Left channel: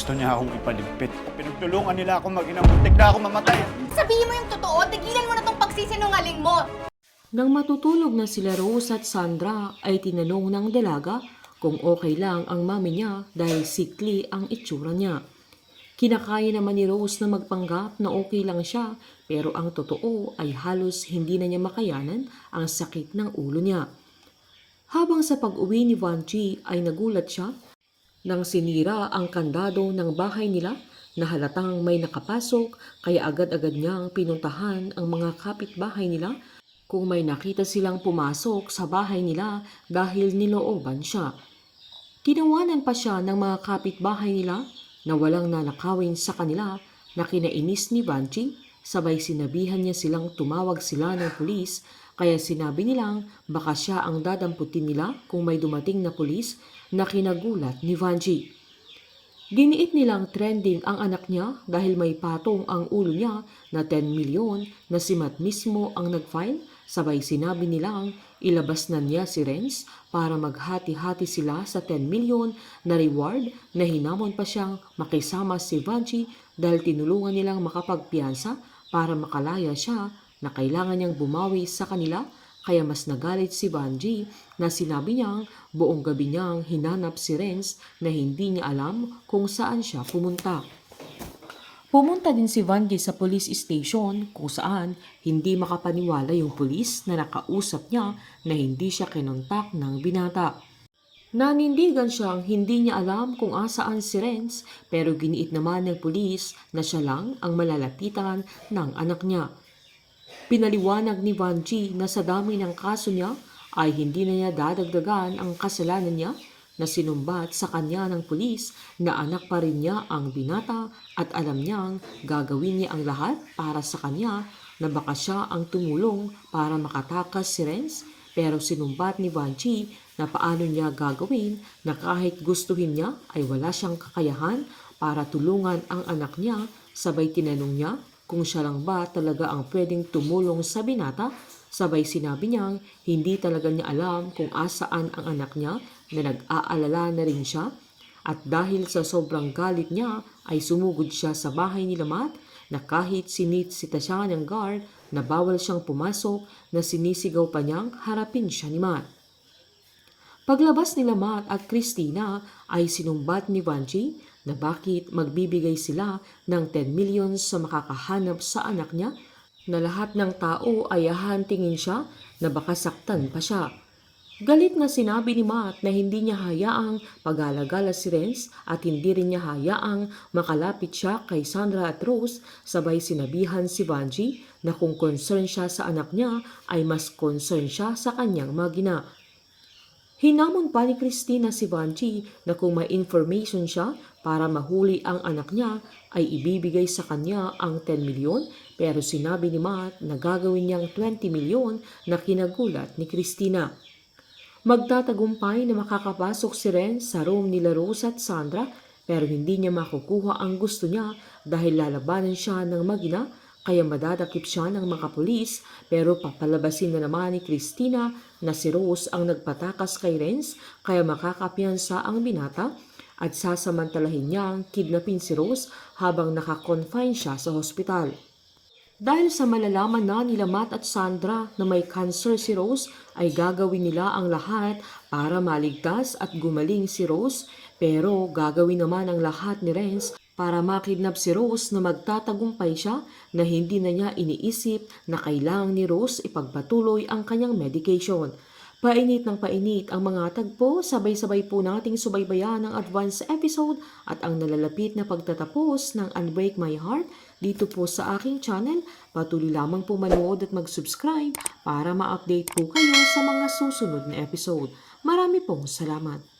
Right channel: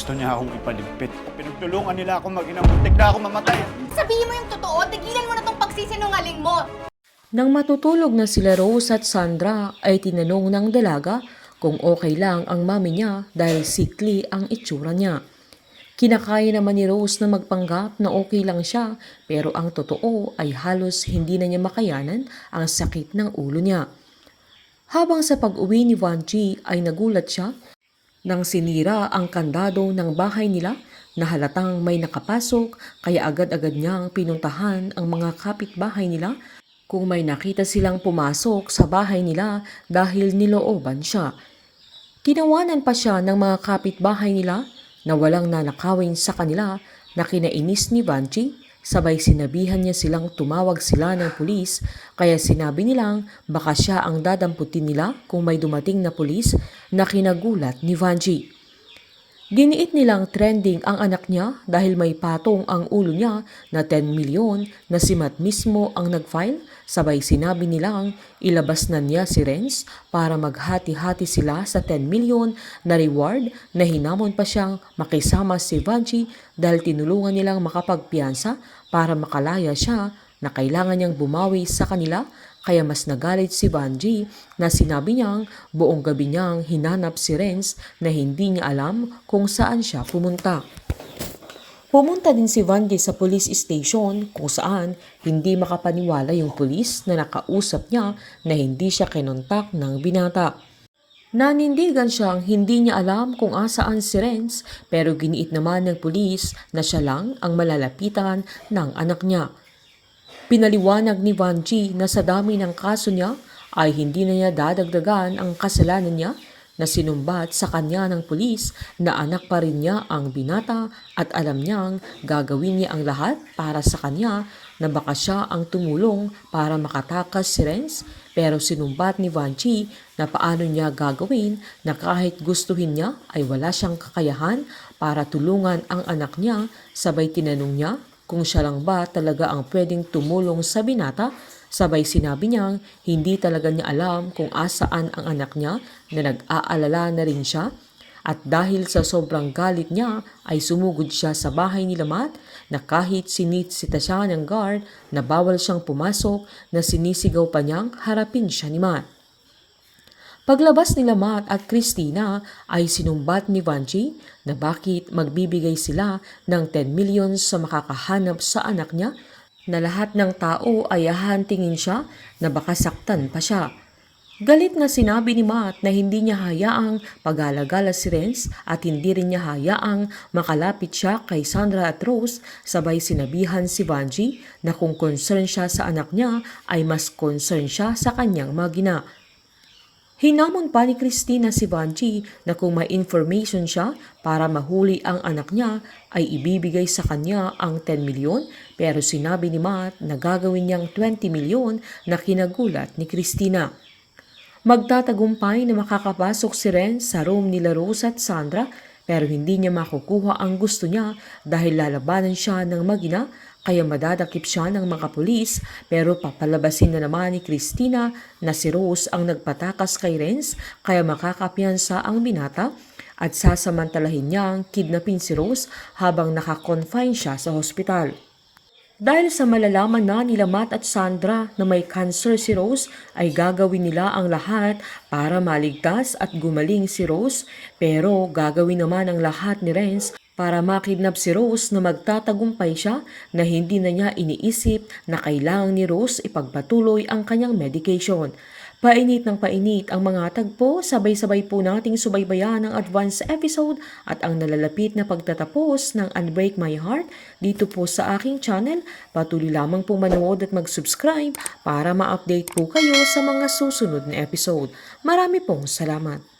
gusto niya akong ipaligpit. Pinagtulungan nila ako mag-inang muntik na ako mamatay. Sabihin mo yung totoo, tigilan mo na tong pagsisinungaling mo. Nang matutulog na sila Rose at Sandra ay tinanong ng dalaga kung okay lang ang mami niya dahil sickly ang itsura niya. Kinakaya naman ni Rose na magpanggap na okay lang siya pero ang totoo ay halos hindi na niya makayanan ang sakit ng ulo niya. Habang sa pag-uwi ni Vanji ay nagulat siya nang sinira ang kandado ng bahay nila na halatang may nakapasok kaya agad-agad niyang pinuntahan ang mga kapitbahay nila kung may nakita silang pumasok sa bahay nila dahil nilooban siya. Tinawanan pa siya ng mga kapitbahay nila na walang nanakawin sa kanila na kinainis ni Vanji, sabay sinabihan niya silang tumawag sila ng pulis kaya sinabi nilang baka siya ang dadamputin nila kung may dumating na pulis na kinagulat ni Vanji. Giniit nilang trending ang anak niya dahil may patong ang ulo niya na 10 milyon na si Matt mismo ang nag-file, sabay sinabi nilang ilabas na niya si Renz para maghati-hati sila sa 10 milyon na reward na hinamon pa siyang makisama si Vanji dahil tinulungan nilang makapagpiyansa para makalaya siya na kailangan niyang bumawi sa kanila. Kaya mas nagalit si Vanji na sinabi niyang buong gabi niyang hinanap si Renz na hindi niya alam kung saan siya pumunta. Pumunta din si Vanji sa police station kung saan hindi makapaniwala yung pulis na nakausap niya na hindi siya kinontak ng binata. Nanindigan siyang hindi niya alam kung asaan si Renz pero giniit naman ng pulis na siya lang ang malalapitan ng anak niya. Pinaliwanag ni Vanji na sa dami ng kaso niya ay hindi na niya dadagdagan ang kasalanan niya na sinumbat sa kanya ng pulis na anak pa rin niya ang binata at alam niyang gagawin niya ang lahat para sa kanya na baka siya ang tumulong para makatakas si Renz pero sinumbat ni Vanji na paano niya gagawin na kahit gustuhin niya ay wala siyang kakayahan para tulungan ang anak niya sabay tinanong niya kung siya lang ba talaga ang pwedeng tumulong sa binata, sabay sinabi niyang hindi talaga niya alam kung asaan ang anak niya na nag-aalala na rin siya. At dahil sa sobrang galit niya ay sumugod siya sa bahay ni Matt na kahit sinitsita siya ng guard na bawal siyang pumasok na sinisigaw pa niyang harapin siya ni Matt. Paglabas nila Matt at Christina ay sinumbat ni Vanji na bakit magbibigay sila ng 10 million sa makakahanap sa anak niya na lahat ng tao ay hahantingin siya na baka saktan pa siya. Galit na sinabi ni Matt na hindi niya hayaang pag-alagala si Renz at hindi rin niya hayaang makalapit siya kay Sandra at Rose, sabay sinabihan si Vanji na kung concern siya sa anak niya ay mas concern siya sa kanyang magina. Hinamon pa ni Christina si Vanji na kung may information siya para mahuli ang anak niya ay ibibigay sa kanya ang 10 milyon pero sinabi ni Matt na gagawin niyang 20 milyon na kinagulat ni Christina. Magtatagumpay na makakapasok si Renz sa room nila Rose at Sandra pero hindi niya makukuha ang gusto niya dahil lalabanan siya ng magina kaya madadakip siya ng mga pulis pero papalabasin na naman ni Christina na si Rose ang nagpatakas kay Renz kaya makakapiyansa ang binata at sasamantalahin niyang kidnapin si Rose habang nakakonfine siya sa hospital. Dahil sa malalaman na nila Matt at Sandra na may cancer si Rose ay gagawin nila ang lahat para maligtas at gumaling si Rose pero gagawin naman ang lahat ni Renz para makidnap si Rose na magtatagumpay siya na hindi na niya iniisip na kailangan ni Rose ipagpatuloy ang kanyang medication. Painit ng painit ang mga tagpo, sabay-sabay po nating subaybayan ang advance episode at ang nalalapit na pagtatapos ng Unbreak My Heart dito po sa aking channel. Patuloy lamang po manood at mag-subscribe para ma-update po kayo sa mga susunod na episode. Marami pong salamat.